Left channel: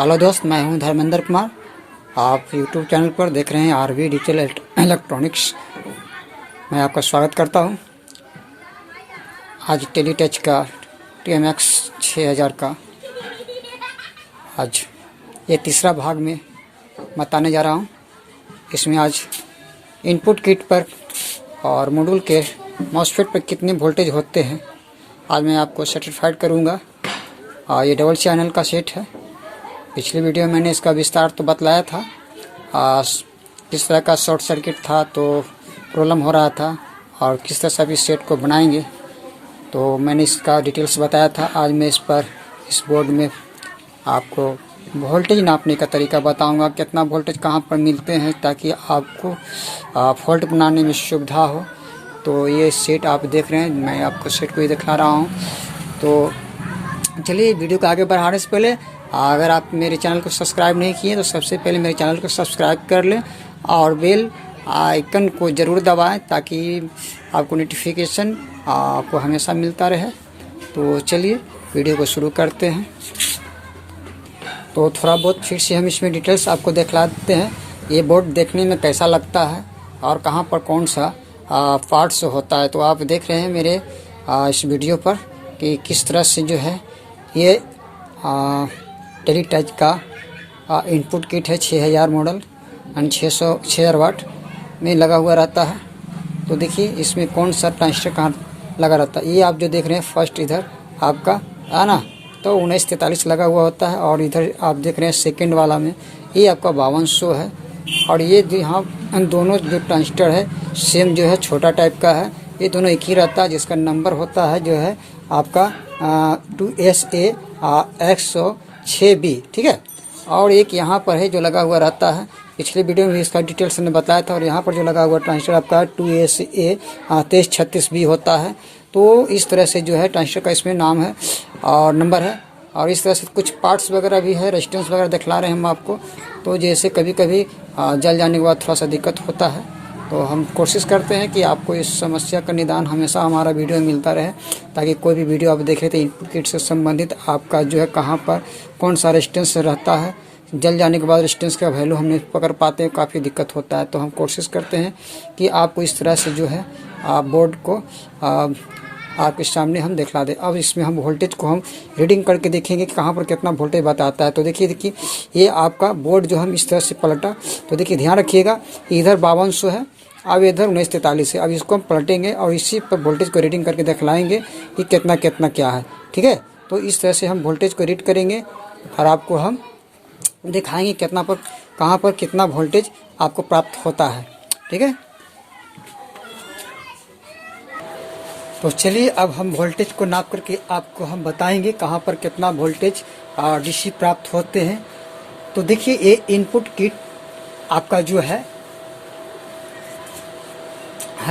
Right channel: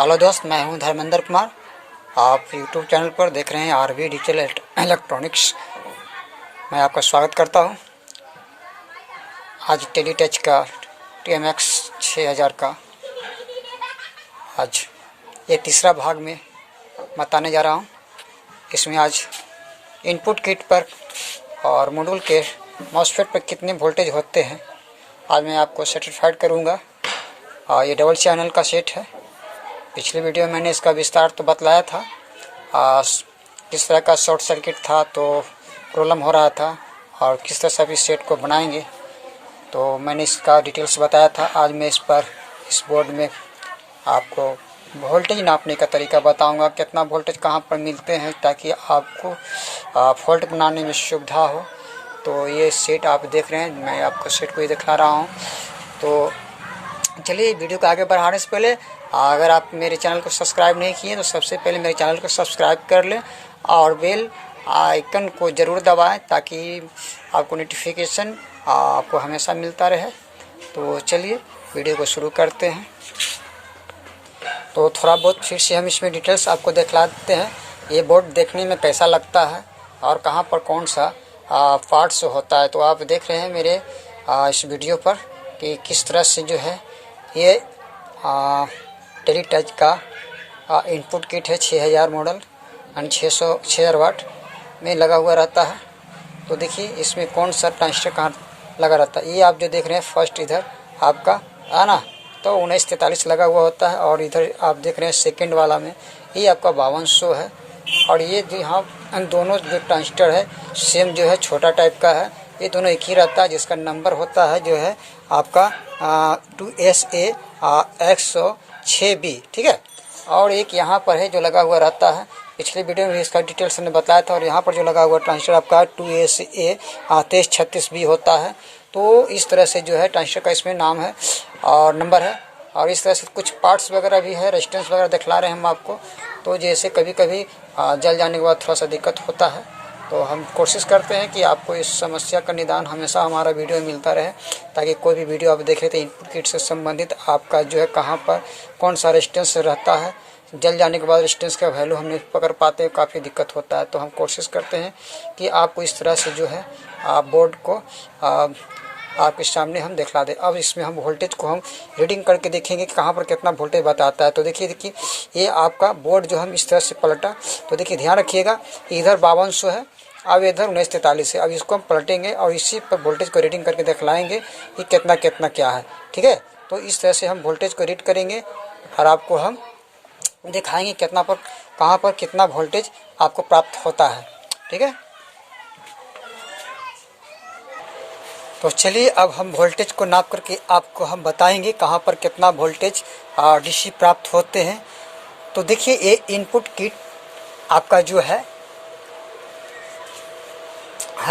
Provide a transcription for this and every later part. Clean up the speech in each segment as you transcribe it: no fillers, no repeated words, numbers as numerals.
Hello दोस्त, मैं हूं धर्मेंद्र कुमार। आप यूट्यूब चैनल पर देख रहे हैं आरवी डिजिटल इलेक्ट्रॉनिक्स। मैं आपका स्वागत करता हूं। आज टेलीटच का TMX 6000 का आज ये तीसरा भाग में बताने जा रहा हूं। इसमें आज इनपुट किट पर और मॉड्यूल के मॉसफेट पर कितने वोल्टेज होते हैं आज मैं आपको सर्टिफाइड करूंगा। और ये डबल चैनल का सेट है। पिछली वीडियो में मैंने इसका विस्तार तो बतलाया था, किस तरह का शॉर्ट सर्किट था तो प्रॉब्लम हो रहा था और किस तरह से आप इस सेट को बनाएंगे तो मैंने इसका डिटेल्स बताया था। आज मैं इस बोर्ड में आपको वोल्टेज नापने का तरीका बताऊंगा, कितना वोल्टेज कहां पर मिलते हैं ताकि आपको फॉल्ट बनाने में सुविधा हो। तो ये सेट आप देख रहे हैं, मैं आपको सेट को ही दिखा रहा हूँ। तो चलिए वीडियो को आगे बढ़ाने से पहले अगर आप मेरे चैनल को सब्सक्राइब नहीं किए तो सबसे पहले मेरे चैनल को सब्सक्राइब कर लें और बेल आइकन को ज़रूर दबाएं ताकि आपको नोटिफिकेशन आपको हमेशा मिलता रहे। तो चलिए वीडियो को शुरू करते हैं। तो थोड़ा बहुत फिर से हम इसमें डिटेल्स आपको दिखला देते हैं। ये बोर्ड देखने में कैसा लगता है और कहाँ पर कौन सा पार्ट्स होता है। तो आप देख रहे हैं मेरे इस वीडियो पर कि किस तरह से जो है ये टेलीटच का इनपुट किट है 6000 मॉडल एंड 6000 वाट में लगा हुआ रहता है। तो देखिए इसमें कौन सा ट्रांजिस्टर कहाँ लगा रहता है। ये आप जो देख रहे हैं फर्स्ट इधर आपका है ना, तो 1943 लगा हुआ होता है। और इधर आप देख रहे हैं सेकंड वाला में ये आपका 5200 है। और ये जो यहाँ दोनों जो ट्रांजिस्टर है सेम जो है छोटा टाइप का है। ये दोनों एक ही रहता है जिसका नंबर होता है जो है आपका 2SA 106B, ठीक है। और एक यहाँ पर है जो लगा हुआ रहता है, पिछले वीडियो में भी इसका डिटेल्स ने बताया था। और यहाँ पर जो लगा हुआ ट्रांजिस्टर आपका 2SA 2336B होता है। तो इस तरह से जो है ट्रांजिस्टर का इसमें नाम है और नंबर है। और इस तरह से कुछ पार्ट्स वगैरह भी है, रेजिस्टेंस वगैरह दिखला रहे हैं हम आपको। तो जैसे कभी कभी जल जाने के बाद थोड़ा सा दिक्कत होता है, तो हम कोशिश करते हैं कि आपको इस समस्या का निदान हमेशा हमारा वीडियो में मिलता रहे ताकि कोई भी वीडियो आप देखें तो इनपुट किट से संबंधित आपका जो है कहाँ पर कौन सा रेजिस्टेंस रहता है। जल जाने के बाद रेजिस्टेंस का वैल्यू हम नहीं पकड़ पाते हैं, काफ़ी दिक्कत होता है। तो हम कोशिश करते हैं कि आपको इस तरह से जो है बोर्ड को आपके सामने हम दिखला दें। अब इसमें हम वोल्टेज को हम रीडिंग करके देखेंगे कि कहाँ पर कितना वोल्टेज बताता है। तो देखिए ये आपका बोर्ड जो हम इस तरह से पलटा, तो देखिए ध्यान रखिएगा इधर 5200 है, अब इधर 1943 है। अब इसको हम पलटेंगे और इसी पर वोल्टेज को रीडिंग करके दिखलाएंगे कि कितना कितना क्या है, ठीक है। तो इस तरह से हम वोल्टेज को रीड करेंगे और आपको हम दिखाएंगे कितना पर कहाँ पर कितना वोल्टेज आपको प्राप्त होता है, ठीक है। तो चलिए अब हम वोल्टेज को नाप करके आपको हम बताएंगे कहाँ पर कितना वोल्टेज DC प्राप्त होते हैं। तो देखिए ये इनपुट किट आपका जो है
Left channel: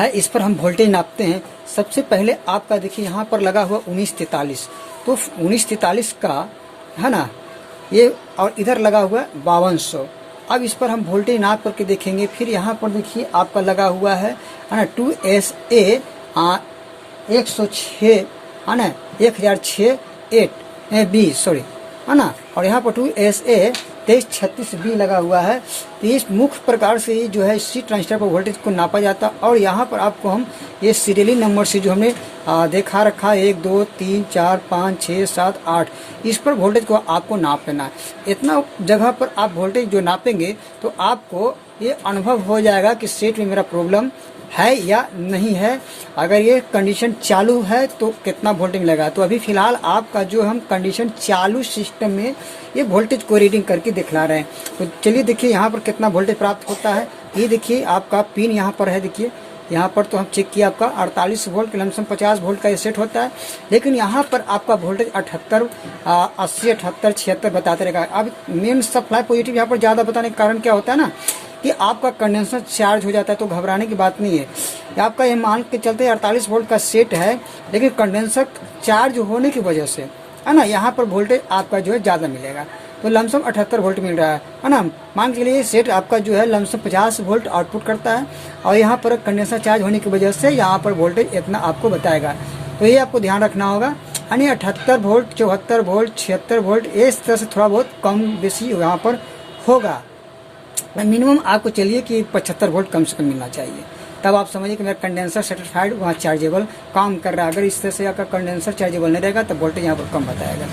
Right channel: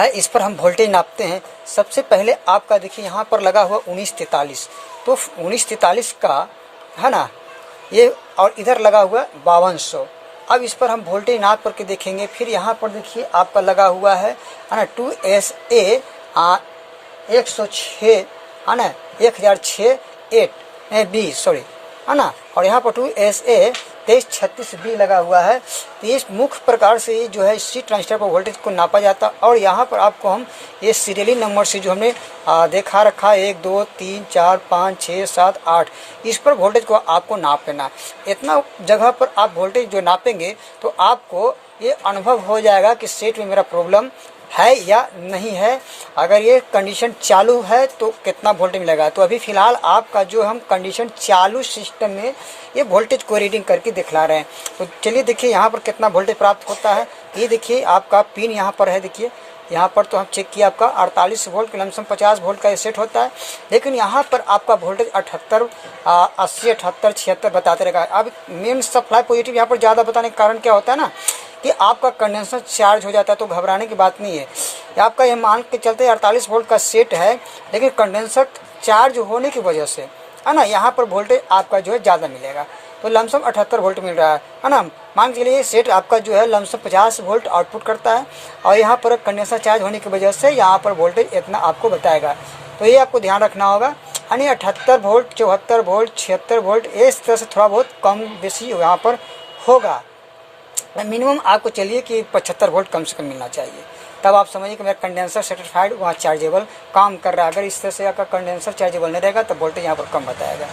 इस पर हम वोल्टेज नापते हैं। सबसे पहले आपका देखिए यहाँ पर लगा हुआ 1943, तो 1943 का है ना ये, और इधर लगा हुआ 5200। अब इस पर हम वोल्टेज नाप करके देखेंगे। फिर यहाँ पर देखिए आपका लगा हुआ है ना 2SA 106 है ना 1006B सॉरी है ना, और यहाँ पर 2SA 2336B लगा हुआ है। तो इस मुख्य प्रकार से जो है इसी ट्रांजिस्टर पर वोल्टेज को नापा जाता है। और यहाँ पर आपको हम ये सीरियली नंबर से जो हमने देखा रखा है 1 2 3 4 5 6 7 8, इस पर वोल्टेज को आपको नाप लेना। इतना जगह पर आप वोल्टेज जो नापेंगे तो आपको ये अनुभव हो जाएगा कि सेट में मेरा प्रॉब्लम है या नहीं है। अगर ये कंडीशन चालू है तो कितना वोल्टेज मिलेगा। तो अभी फिलहाल आपका जो हम कंडीशन चालू सिस्टम में ये वोल्टेज को रीडिंग करके दिखला रहे हैं। तो चलिए देखिए यहाँ पर कितना वोल्टेज प्राप्त होता है। ये देखिए आपका पिन यहाँ पर है, देखिए यहाँ पर तो हम चेक किया आपका 48 वोल्ट लमसम 50 वोल्ट का ये सेट होता है। लेकिन यहाँ पर आपका वोल्टेज 78 80 78 76 बताते रहेगा। अब मेन सप्लाई पॉजिटिव यहाँ पर ज़्यादा बताने का कारण क्या होता है ना कि आपका कंडेंसर चार्ज हो जाता है। तो घबराने की बात नहीं है। आपका ये मान के चलते 48 वोल्ट का सेट है, लेकिन कंडेंसर चार्ज होने की वजह से है ना यहाँ पर वोल्टेज आपका जो है ज़्यादा मिलेगा। तो लमसम 78 वोल्ट मिल रहा है ना। मान के लिए सेट आपका जो है लमसम 50 वोल्ट आउटपुट करता है और यहाँ पर कंडेंसर चार्ज होने की वजह से यहाँ पर वोल्टेज इतना आपको बताएगा। तो ये आपको ध्यान रखना होगा यानी 78 वोल्ट, 74 वोल्ट, 76 वोल्ट, इस तरह से थोड़ा बहुत कम बेसी यहाँ पर होगा। मिनिमम आपको चलिए कि 75 वोल्ट कम से कम मिलना चाहिए, तब आप समझिए कि मेरा कंडेंसर सेटिस्फाइड वहाँ चार्जेबल काम कर रहा है। अगर इस तरह से आपका कंडेंसर चार्जेबल नहीं रहेगा तो वोल्टेज यहाँ पर कम बताएगा।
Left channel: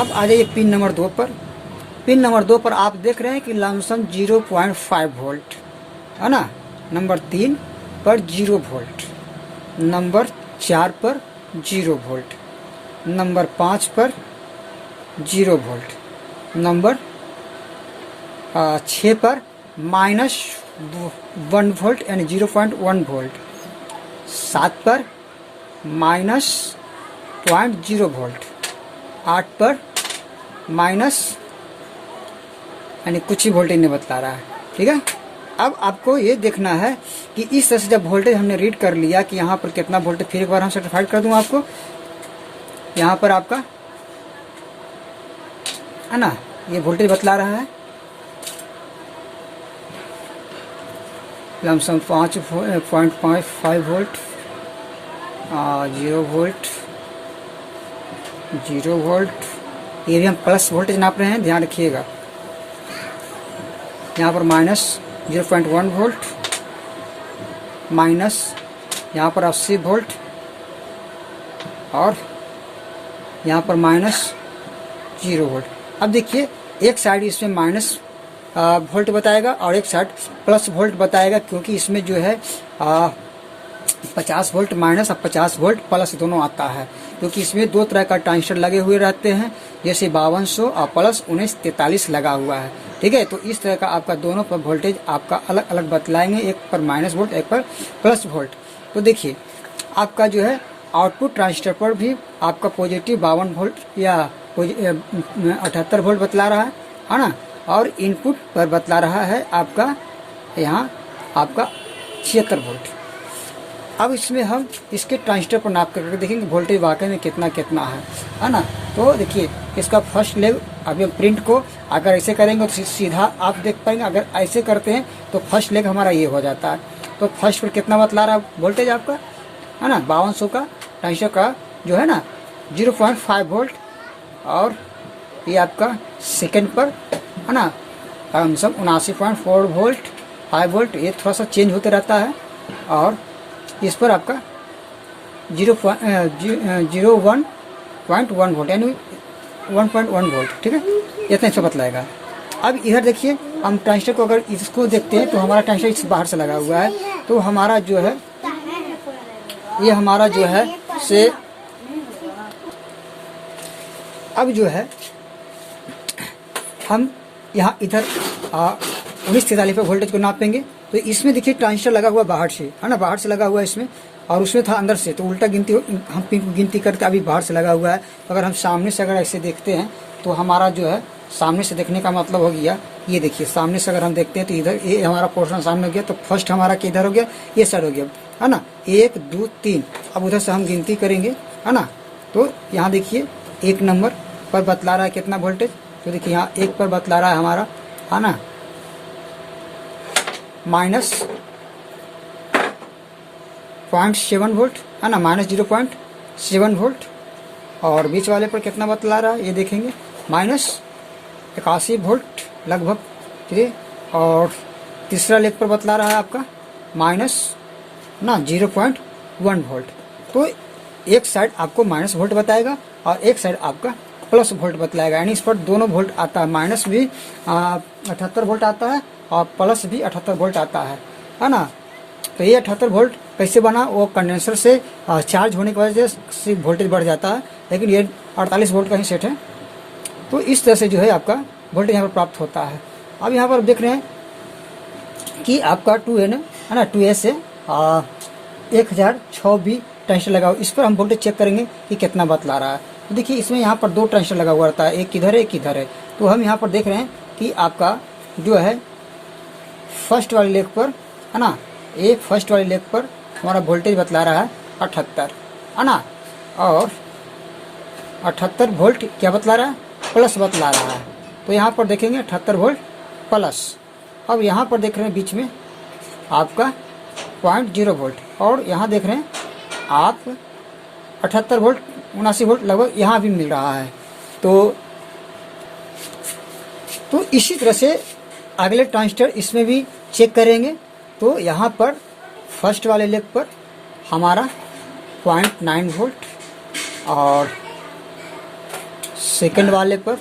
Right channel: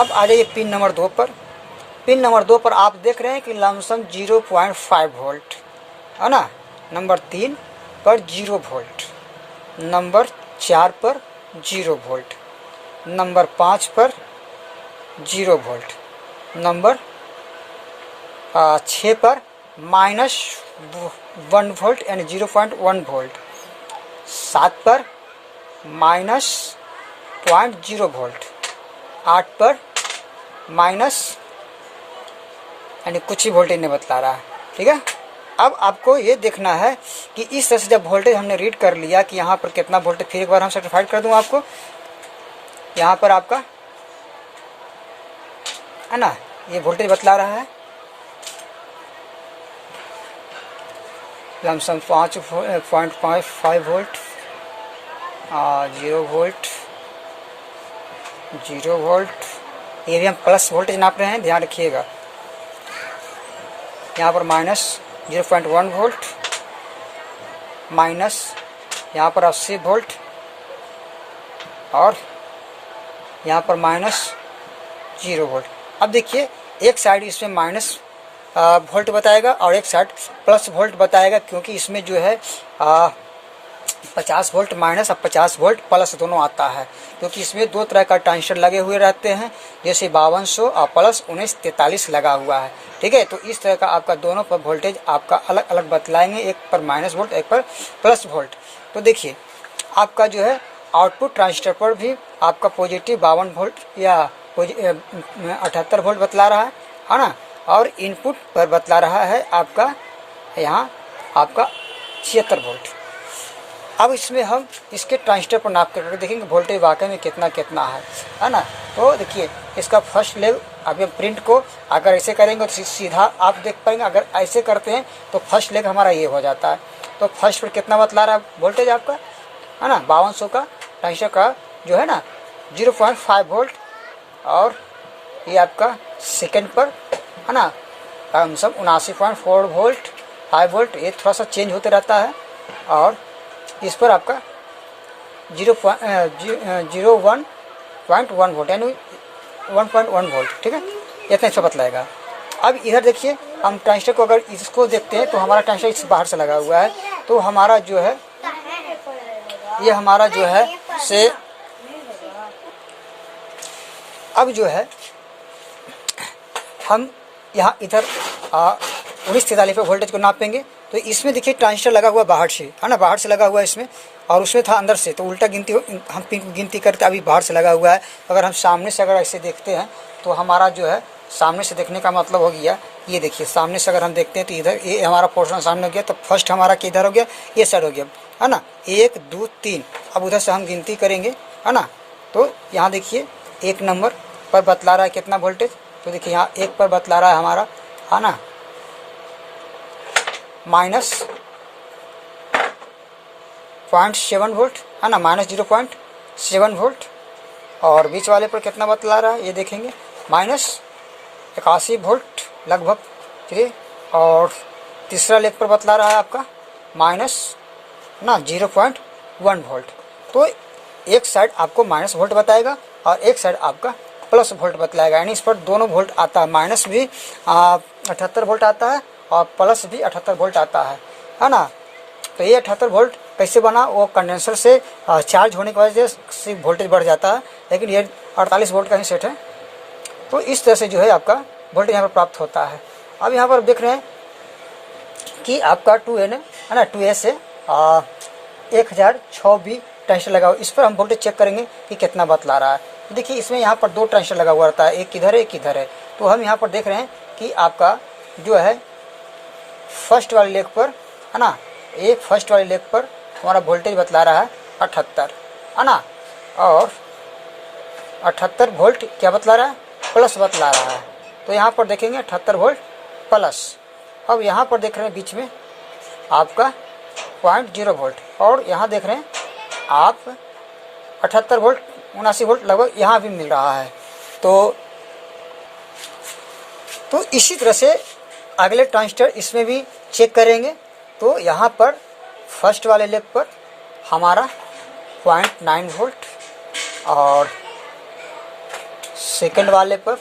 अब आ जाइए पिन नंबर 2 पर। पिन नंबर 2 पर आप देख रहे हैं कि लमसम 0.5 वोल्ट है ना। नंबर 3 पर 0 वोल्ट, नंबर 4 पर 0 वोल्ट, नंबर 5 पर 0 वोल्ट, नंबर 6 पर -1 वोल्ट यानी 0.1 वोल्ट, 7 पर -0.0 वोल्ट, 8 पर माइनस यानी कुछ ही वोल्टेज नहीं बतला रहा है। ठीक है, अब आपको ये देखना है कि इस तरह से जब वोल्टेज हमने रीड कर लिया कि यहाँ पर कितना वोल्टेज, फिर एक बार हम सर्टिफाइड कर दूँ आपको। यहाँ पर आपका है ना ये वोल्टेज बतला रहा है लमसम 5.5 वोल्ट, 0 वोल्ट, 0 वोल्ट। ये भी हम प्लस वोल्टेज नाप रहे हैं, ध्यान रखिएगा। यहाँ पर -0.1 वोल्ट, माइनस यहाँ पर 80 वोल्ट, और यहाँ पर -0 वोल्ट। अब देखिए एक साइड इसमें माइनस वोल्ट बताएगा और एक साइड प्लस वोल्ट बताएगा, क्योंकि इसमें जो है 50 वोल्ट माइनस और 50 वोल्ट प्लस दोनों आता है, क्योंकि इसमें दो तरह का ट्रांजिस्टर लगे हुए रहते हैं, जैसे 5200 और प्लस 1943 लगा हुआ है। ठीक है, तो इस तरह का आपका दोनों पर वोल्टेज आपका अलग अलग बतलाएंगे, एक पर माइनस वोल्ट, एक पर प्लस वोल्ट। तो देखिए आपका जो है आउटपुट ट्रांजिस्टर पर भी आपका पॉजिटिव 52 वोल्ट या 78 वोल्ट बतला रहा है ना, और इनपुट पर बतला रहा है आपका यहाँ आपका 76 वोल्ट। अब इसमें हम इसके ट्रांजिस्टर पर नाप करके देखेंगे वोल्टेज वाकई में कितना कितना है ना। तो देखिए इसका फर्स्ट लेव अभी प्रिंट को अगर ऐसे करेंगे तो सीधा आप देख पाएंगे, अगर ऐसे करते हैं तो फर्स्ट लेग हमारा ये हो जाता है। तो फर्स्ट पर कितना बतला रहा है वोल्टेज आपका है ना, 5200 का ट्रांजिस्टर का जो है ना 0.5 वोल्ट, और ये आपका सेकंड पर है ना कम से कम 79.4 वोल्ट, 5 वोल्ट, ये थोड़ा सा चेंज होते रहता है, और इस पर आपका 0.1 वोल्ट यानी 1.1 वोल्ट। ठीक है, इतना इसका बतलाएगा। अब इधर देखिए हम ट्रांजिस्टर को अगर इसको देखते हैं तो हमारा ट्रांजिस्टर इस बाहर से लगा हुआ है, तो हमारा जो है ये हमारा जो है से अब जो है हम यहाँ इधर 1943 पे वोल्टेज को नापेंगे। तो इसमें देखिए ट्रांजिस्टर लगा हुआ बाहर से है ना, बाहर से लगा हुआ है इसमें, और उसमें था अंदर से, तो उल्टा गिनती हम गिनती करते अभी बाहर से लगा हुआ है। अगर हम सामने से अगर ऐसे देखते हैं तो हमारा जो है सामने से देखने का मतलब हो गया, ये देखिए सामने से अगर हम देखते हैं तो इधर ये हमारा पोर्शन सामने हो गया, तो फर्स्ट हमारा किधर हो गया, ये साइड हो गया है ना, 1 2 3। अब उधर से हम गिनती करेंगे है ना, तो यहाँ देखिए 1 नंबर पर बतला रहा है कितना वोल्टेज, तो देखिए यहाँ 1 पर बतला रहा है हमारा है ना -0.7 वोल्ट है ना, -0.7 वोल्ट, और बीच वाले पर कितना बतला रहा है ये देखेंगे -81 वोल्ट लगभग। ठीक है, और तीसरा लेग पर बतला रहा है आपका -0.1 वोल्ट। तो एक साइड आपको माइनस वोल्ट बताएगा और एक साइड आपका प्लस वोल्ट बतलाएगा, यानी इस पर दोनों वोल्ट आता है, माइनस भी 78 वोल्ट आता है और प्लस भी 78 वोल्ट आता है ना। तो ये 78 वोल्ट कैसे बना, वो कंडेंसर से चार्ज होने की वजह से वोल्टेज बढ़ जाता है, लेकिन ये 48 वोल्ट का ही सेट है। तो इस तरह से जो है आपका वोल्टेज यहाँ पर प्राप्त होता है। अब यहाँ पर देख रहे हैं कि आपका 2N है ना, 2A से 1006 ट्रांजिस्टर लगा हुआ, इस पर हम वोल्टेज चेक करेंगे कि कितना बतला रहा है। तो देखिए इसमें यहाँ पर 2 ट्रांजिस्टर लगा हुआ रहता है, एक इधर है एक इधर है। तो हम यहाँ पर देख रहे हैं कि आपका जो है फर्स्ट वाले लेग पर है ना, एक फर्स्ट वाले लेग पर हमारा वोल्टेज बतला रहा है 78 है ना, और 78 वोल्ट क्या बतला रहा है, प्लस बतला रहा है। तो यहाँ पर देखेंगे 78 वोल्ट प्लस। अब यहाँ पर देख रहे हैं बीच में आपका 0.0 वोल्ट, और यहाँ देख रहे हैं आप 78 वोल्ट 79 वोल्ट लगभग यहाँ भी मिल रहा है। तो इसी तरह से अगले ट्रांजिस्टर इसमें भी चेक करेंगे। तो यहाँ पर फर्स्ट वाले लेग पर हमारा 0.9 वोल्ट और सेकंड वाले पर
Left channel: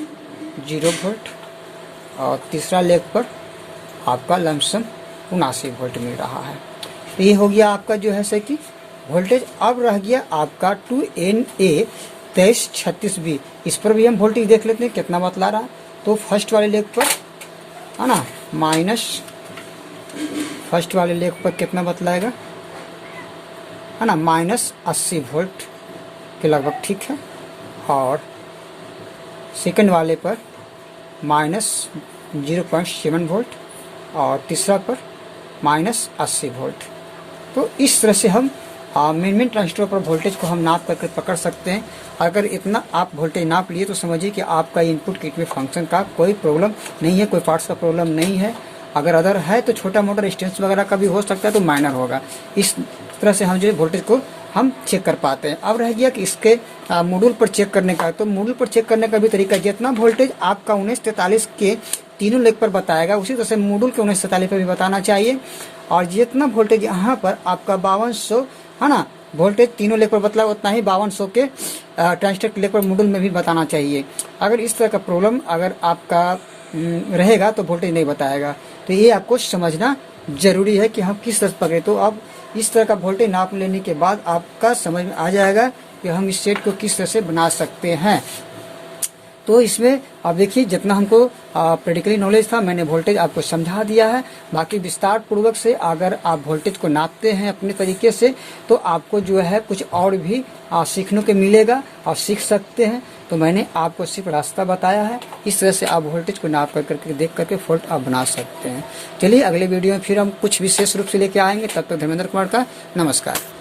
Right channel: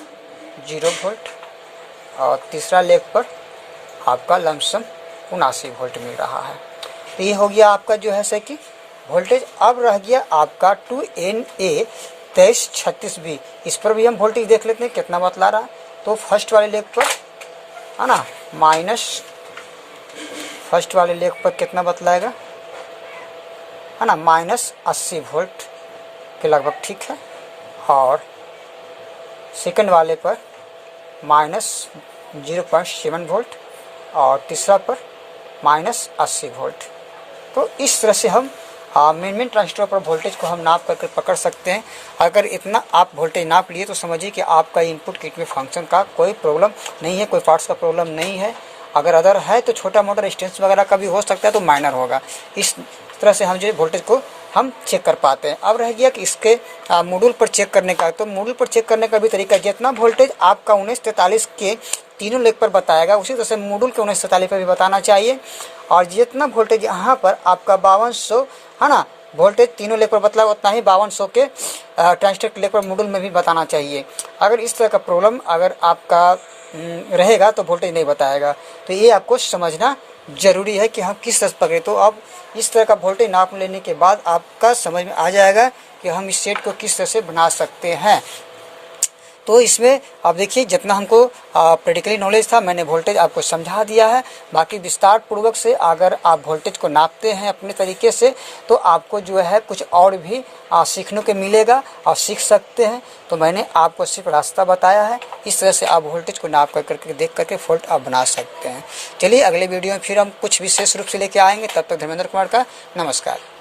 0 वोल्ट और तीसरा लेग पर आपका लमसम 79 वोल्ट मिल रहा है। तो ये हो गया आपका जो है कि वोल्टेज। अब रह गया आपका 2NA 2336B। इस पर भी हम वोल्टेज देख लेते हैं कितना बतला रहा है। तो फर्स्ट वाले लेग पर है ना फर्स्ट वाले लेग पर कितना बतलाएगा है ना -80 वोल्ट के लगभग, ठीक है। और सेकंड वाले पर -0.7 वोल्ट और तीसरा पर -80 वोल्ट। तो इस तरह से हम मेन ट्रांजिस्टर पर वोल्टेज को हम नाप करके पकड़ सकते हैं। अगर इतना आप वोल्टेज नाप लिए तो समझिए कि आपका इनपुट किट में फंक्शन का कोई प्रॉब्लम नहीं है, कोई पार्ट्स का प्रॉब्लम नहीं है। अगर अदर है तो छोटा मोटा रेजिस्टेंस वगैरह का भी हो सकता है, तो माइनर होगा। इस तरह से हम जो वोल्टेज को हम चेक कर पाते हैं। अब रह गया कि इसके मॉड्यूल पर चेक करने का। तो मॉड्यूल पर चेक करने का भी तरीका, जितना वोल्टेज आपका 1943 के तीनों लेग पर बताएगा उसी तरह से मॉड्यूल के 1943 पर भी बताना चाहिए। और जितना वोल्टेज यहाँ पर आपका 5200 है ना वोल्टेज तीनों लेग पर बतला, उतना ही 5200 के ट्रांजिस्टर के लेग पर मॉड्यूल में भी बताना चाहिए। अगर इस तरह का प्रॉब्लम अगर आपका रहेगा तो वोल्टेज नहीं बताएगा। तो ये आपको समझना जरूरी है कि हम किस तरह से पकड़े। तो अब इस तरह का वोल्टेज नाप लेने के बाद आपका समझ में आ जाएगा कि हम इस सेट को किस तरह से बना सकते हैं। तो इसमें अब देखिए जितना हमको प्रैक्टिकली नॉलेज था मैंने वोल्टेज आपको समझा दिया है। बाकी विस्तार पूर्वक से अगर आप वोल्टेज को नापते हैं अपने तरीके से तो आपको जो है कुछ और भी सीखने को मिलेगा और सीख सकते हैं। तो मैंने आपको सिर्फ रास्ता बताया है, इस तरह से आप वोल्टेज को नाप करके देख करके फॉल्ट आप बना सकते हैं। चलिए अगले वीडियो में फिर हम कुछ विशेष रूप से लेके आएंगे। तब तक धर्मेंद्र कुमार का नमस्कार।